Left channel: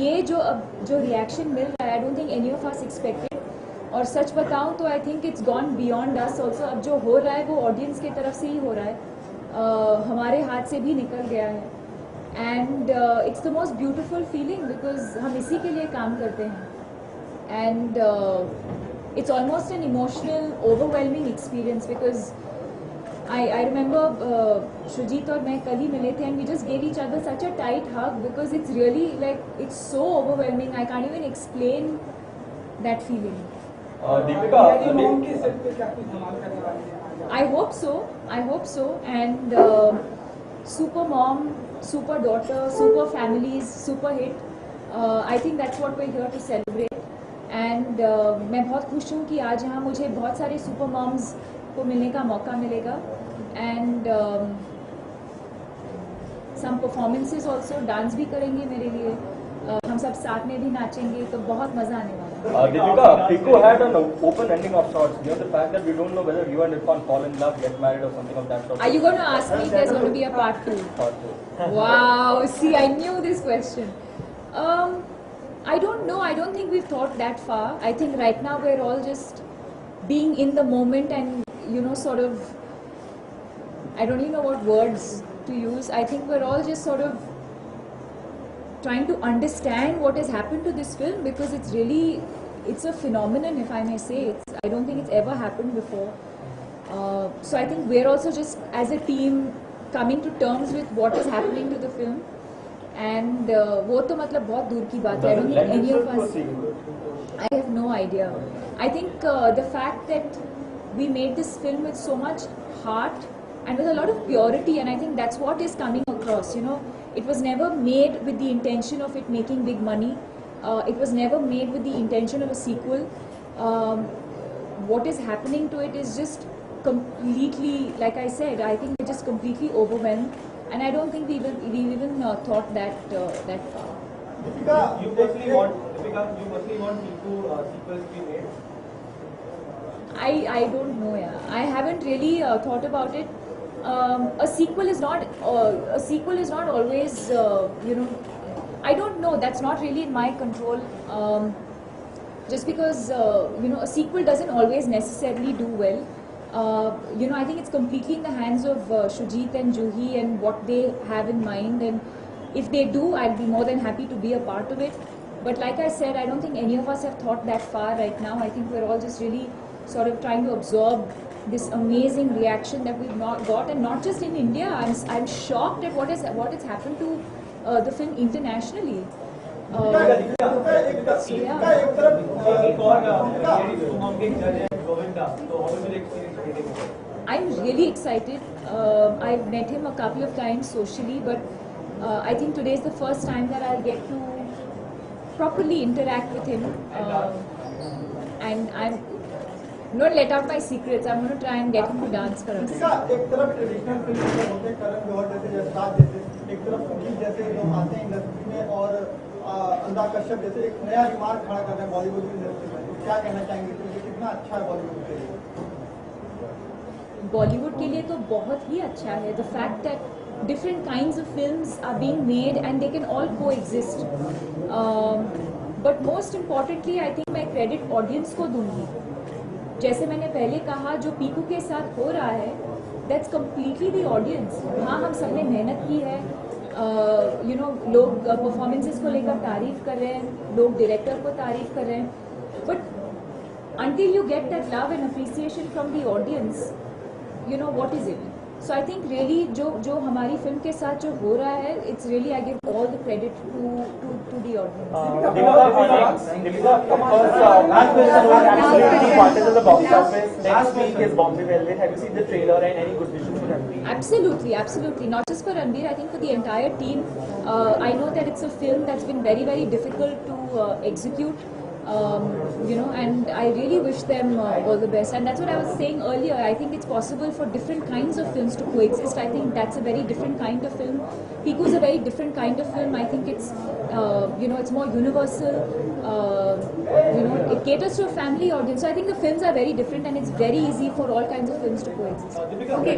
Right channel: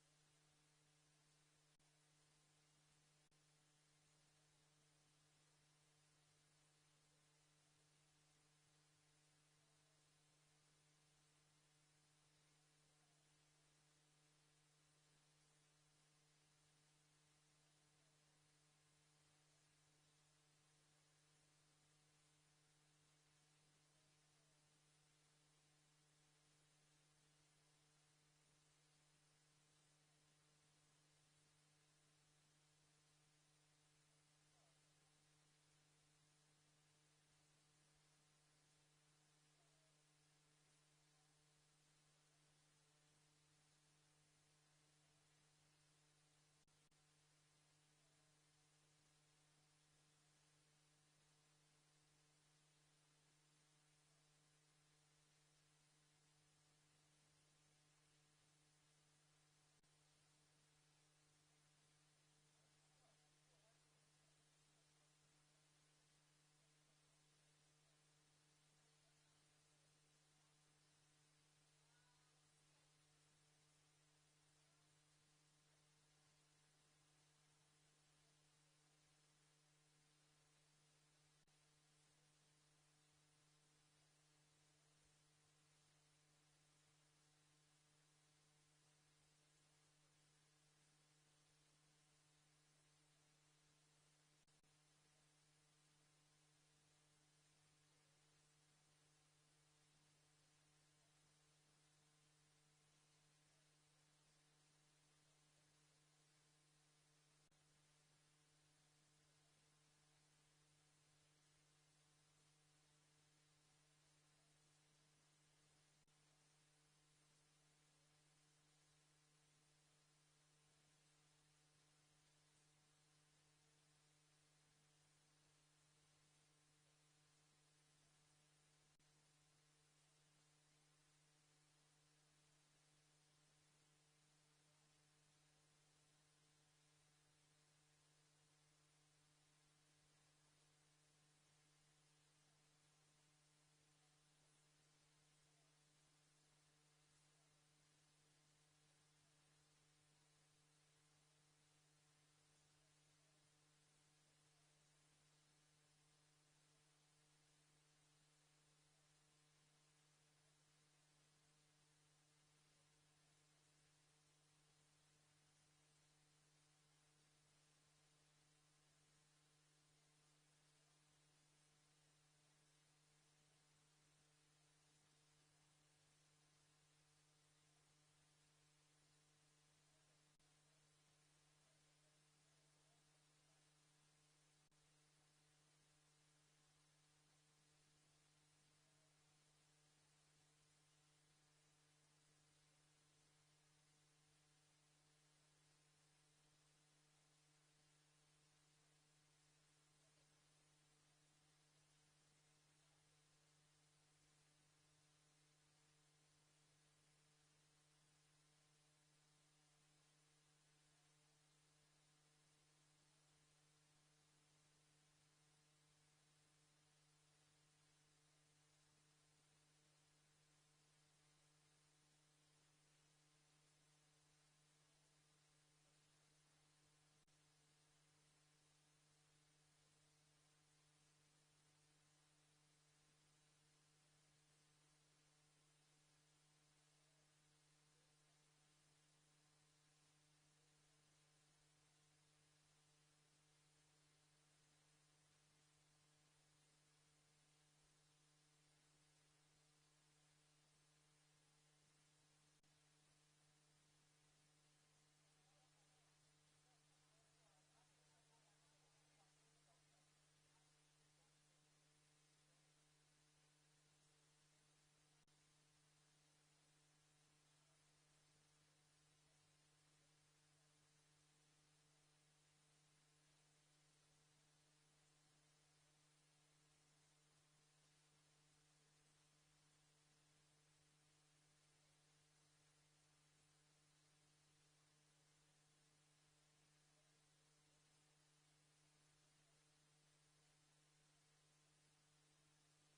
ये जो रिएक्शन मिल रहा है, I don't think any of us expected. और सच बताऊं तो I think it's gone beyond us also. अब जो हो रहा है वो ऑडियंस की तरफ से ही हो रहा है, हमारे हाथ से भी निकल गया है. And it's the most beautiful feeling because हम इसी के लिए काम करते हैं. And it's almost an emotional, overwhelming experience because I remember Shujit और मैं कल ही मिले थे and we just gave each other such a tight hug because it's really like it's so overwhelming. I can't even explain that feeling. Deepika, I hope so and super mom, super daughter, super families, super hit. I think that's what we're here to celebrate. And मैं बहुत खुश हूँ कि आज यहाँ मुझे बहुत सारे सुपर मॉम्स को मिलने का मौका मिलेगा. And some performances also, dance भी करेंगे मेरे लिए, हम सब साथ में भी नाचेंगे, तो बहुत मज़ा आने वाला है. Deepika, Piku had an open ending of sorts. You know the fact that we don't know whether you and Irfan fall in love, get married, or something of that sort. Are you going to ask me if there's going to be a part 2? Part 2. Wow, see, I knew this question. I don't know. I don't think we've thought that far. I think right now we're all just being in the moment and, you know, sort of, I don't even know what words to use. I think we're all just sort of trying to understand what has happened to this film because it's a phenomenon, if I may say. I don't think it's ever happened before. So I think we're also just, as a team, coming to terms with what is happening to the film. And वो तो मतलब बहुत दूर की बात है. I don't think any of us. I have no idea. I think the fact that we made this film with so much heart and with a lot of purity, and I think that's what is coming across. You know, it was never made with the intention of it making big money. It was never made with the intention of a sequel. What is happening to it is just completely, like I said, I think we're just completely overwhelmed. And I don't think we even thought that far. Deepika, you mostly want Piku sequels to be made. I don't know. Yeah, I haven't really thought about it. A sequel is not always you know. I don't know. That's not really in my control. Just because you know, a sequel doesn't always necessarily do well. You know, I think it's completely in the hands of Shujit and Juhi and what they have in mind, and if they do, I'd be more than happy to be a part of it. But like I said, I don't think any of us have thought that far right now. I think we're all just really sort of trying to absorb this amazing reaction that we've not got, and not just in India. I'm shocked at what has happened to the film internationally. So yeah. I'm really excited. I've met him a couple of times socially, but I think today is the first time that I'll get to properly interact with him. And I'm not let out my secrets. I'm going to try and get him to dance for us. एक तरफ traditional film होते हैं करण जौहर जैसे जसराज जैसे, एक तरफ सुजीत जैसे लोग आते हैं इंडस्ट्री में और अनुराग कश्यप जैसे एक नया रिमार्क खड़ा कर रहे हैं बॉलीवुड की इंडस्ट्री में. तो क्या कहना चाहेंगे कि ये कितना अच्छा है बॉलीवुड के लिए? बॉलीवुड के लिए तो बहुत ही अच्छा है. The fact that different kinds of films are being made and they can all coexist. But most importantly, I think मैं credit audience को दूंगी. जैसे मैंने पहले कहा, जो पीकू के साथ हो रहा है, that's completely the audience. हाँ, हम सबने मेहनत की है. You know, लोग performances को लेकर तारीफ कर रहे हैं, लोग director को तारीफ कर रहे हैं. But until you get that love and appreciation from the audience, you know, what is it? So I think really जो हमारी फिल्म के साथ जो हो रहा है, it's really I give all the credit to the audience. Next week is Bombay Velvet. Have you seen the trailer and any good vision for Ranveer? Absolutely. Not just for Ranveer, I think for the entire team. I know that it's a film that's been very, very difficult to execute. You know, and I really wish them all the best. And that's what I was saying earlier. I think it's possible for different kinds of films to coexist. I think that's a very different kind of film. Piku is a very different kind of film. I think it's, you know, it's more universal. You know, it caters to a family audience. So I think the films are very different, and it's very easy for all kinds of films to coexist. Okay,